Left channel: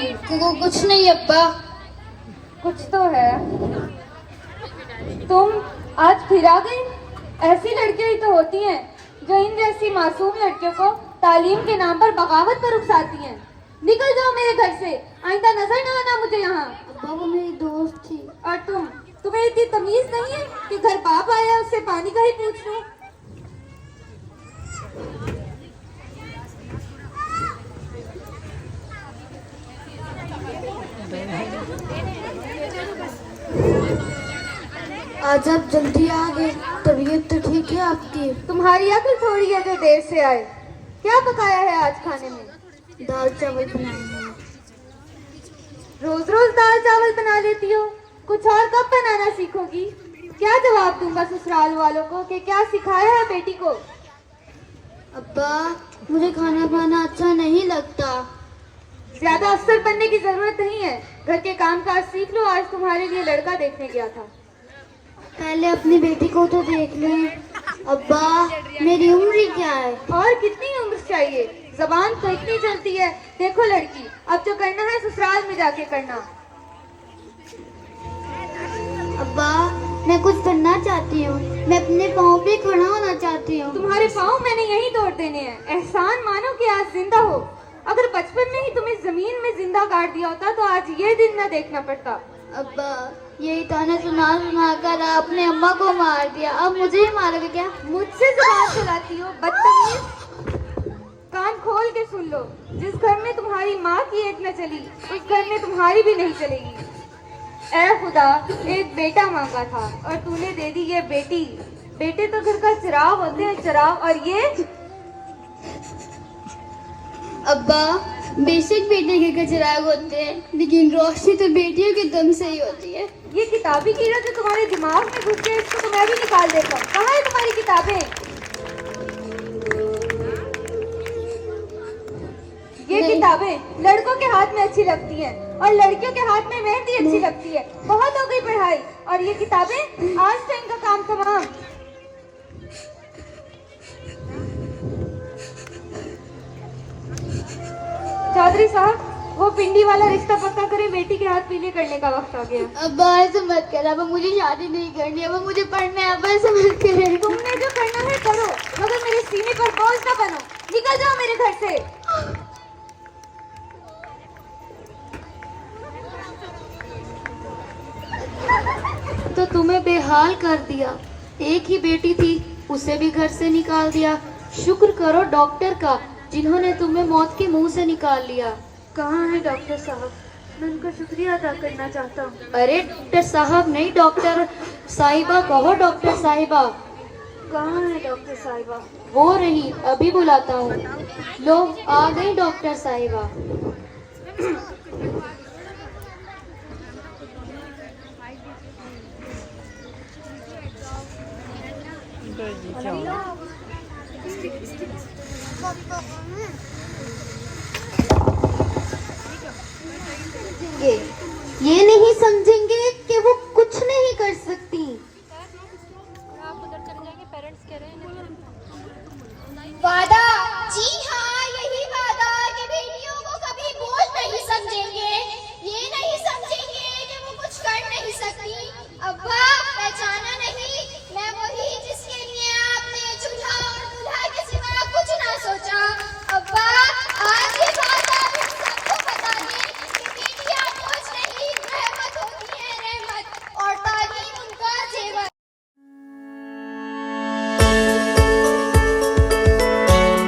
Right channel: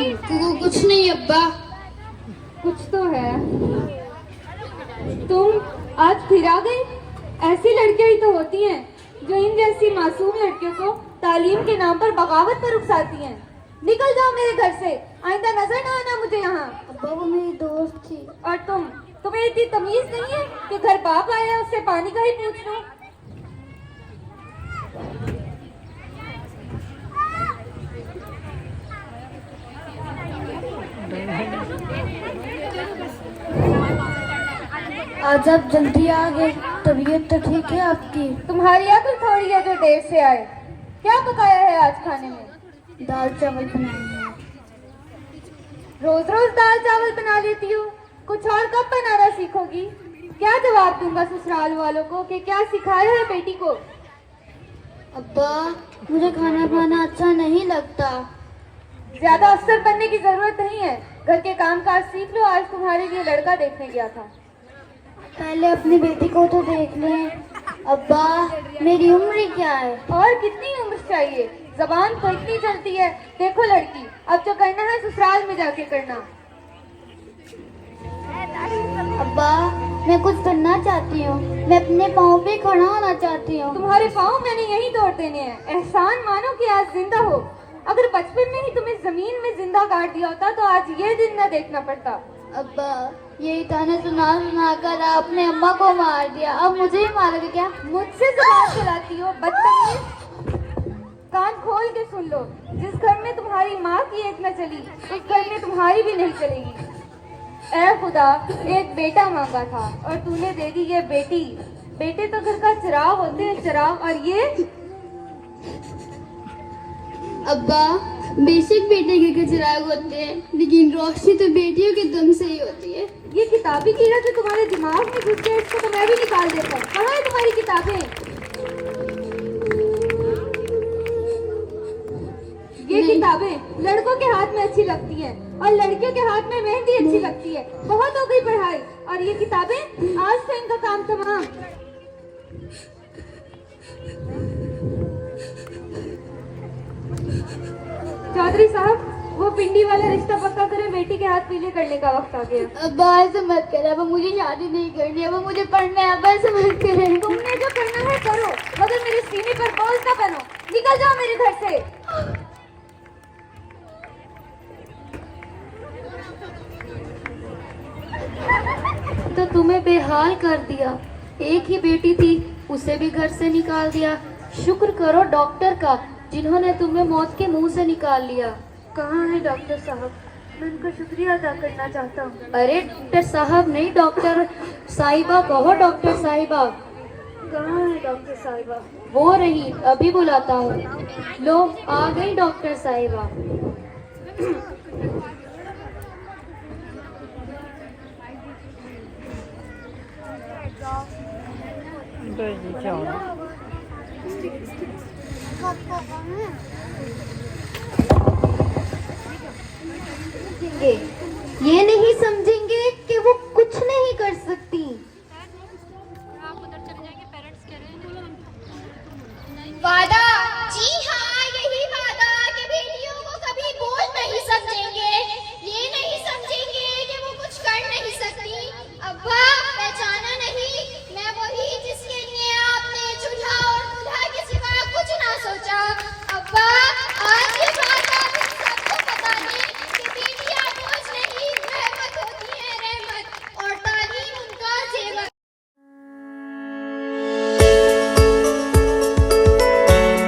की? कुछ नहीं अब्बा। कुछ तो है। तुम आज फिर आ गई? ऐसी लड़कियां ही तो होती हैं जो इन जैसी मासूम लड़कियों को तालीम के नाम पर बगावत पर उकसाती हैं। निकल जाओ मेरे घर से, आइंदा नजर न आना मुझे यहाँ। अब्बा वो मेरी दोस्त थी। और तुम्हें इतनी तमीज नहीं है कि घर बाप आया उससे पानी का ही पूछ लो? आज आप जल्दी आ गए, तबीयत तो ठीक है आपकी? तुम्हारी अकल थोड़ी है जो देर से आए। क्या पकाया है आज खाने में? दाल चावल बनाए हैं। रोज रोज दाल चावल बना लेती हो, कुछ और कब बनाना सीखोगी? क्या जवाब दूंगा ससुराल वालों को कि क्या सिखाया है बेटी को? अब्बा मुझे खाना बनाना अच्छा नहीं लगता। ज्यादा अफसर बनने की जरूरत नहीं है, घर के काम काज सीख लो। आज तुम्हारे लिए लड़का देखने गया था। पहले अपनी बेटी को तो देख लें। अब्बा मेरी उम्र क्या है? और कितनी उम्र चाहिए? जबान तो इतनी चलती है। देखो लड़की, अब जो करना है ससुराल में जाके करना। अब्बा मैं कुछ करना चाहती हूँ, मैं अपने पाँव पे खड़ा होना चाहती हूँ। तुम्हारे पाँव मैंने यही तोड़ देने हैं। एहसान मानो कि आज जिंदा हो। अगर बचपन में ही तुम्हें जमीन में जिंदा गाड़ दिया होता तो आज ये दिन न देखना पड़ता। अब्बा यही ताने सुना कर आपने अम्मा को मार दिया, अब मुझे ही मारोगे क्या? मुझसे जुबान चलाती हो बदतमीज। कान खोल के सुन लो, जिस घर में तुम्हारी माँ की एक न चली उस घर में तुम्हारी भी नहीं चलेगी। ऐ खुदा, एक बेटा मांगा था और तूने दे दी ये बेटी। बेटे तो घर का चिराग होते हैं, चिराग। और ये अब्बा बेशक बेटे के चिराग होते हैं, लेकिन रोशनी तो बेटियों के दम से ही होती है। ये किताबी कीड़ा जो तुम्हारे दिमाग में घुस गया, इसको तो मैं भी निकाल देता हूँ। कहाँ है तुम्हारी किताबें? ये किताबें लड़कों के हाथ में अच्छी लगती हैं और लड़कियों के हाथ में मेहंदी अच्छी लगती है। बहुत हो गई पढ़ाई, और ये किताबें, आज से इनका काम तमाम। चौधरी साहब, वो पिंडी वाला रिश्ता पक्का करे, बेटी के हाथ पीले करने का वक्त आ गया। अब्बा ऐसे मत कर, अब मुझे शादी नहीं करनी, अब मुझे पढ़ना है। अब्बा ऐसे मत कर। तुमने जो करना है करो, मगर मेरे सीने पर बोझ ना बनो। निकल जाओ मेरे घर से। तो तुम्हें बेहाल कर दिया। एक ही बेटी थी, उसे भी घर से निकाल दिया। शुक्र करो डॉक्टर का, जिन्होंने तुम्हें मौत के मुंह से निकाल लिया। कहाँ है डॉक्टर साहब? मैं उनका शुक्रिया अदा करना चाहता हूँ। अरे डॉक्टर साहब नहीं, डॉक्टर साहिबा कहो। डॉक्टर साहिबा कहाँ है डॉक्टर साहिबा? वो रही, अभी बुलाता हूँ। लो आ गई डॉक्टर साहिबा। ये नहीं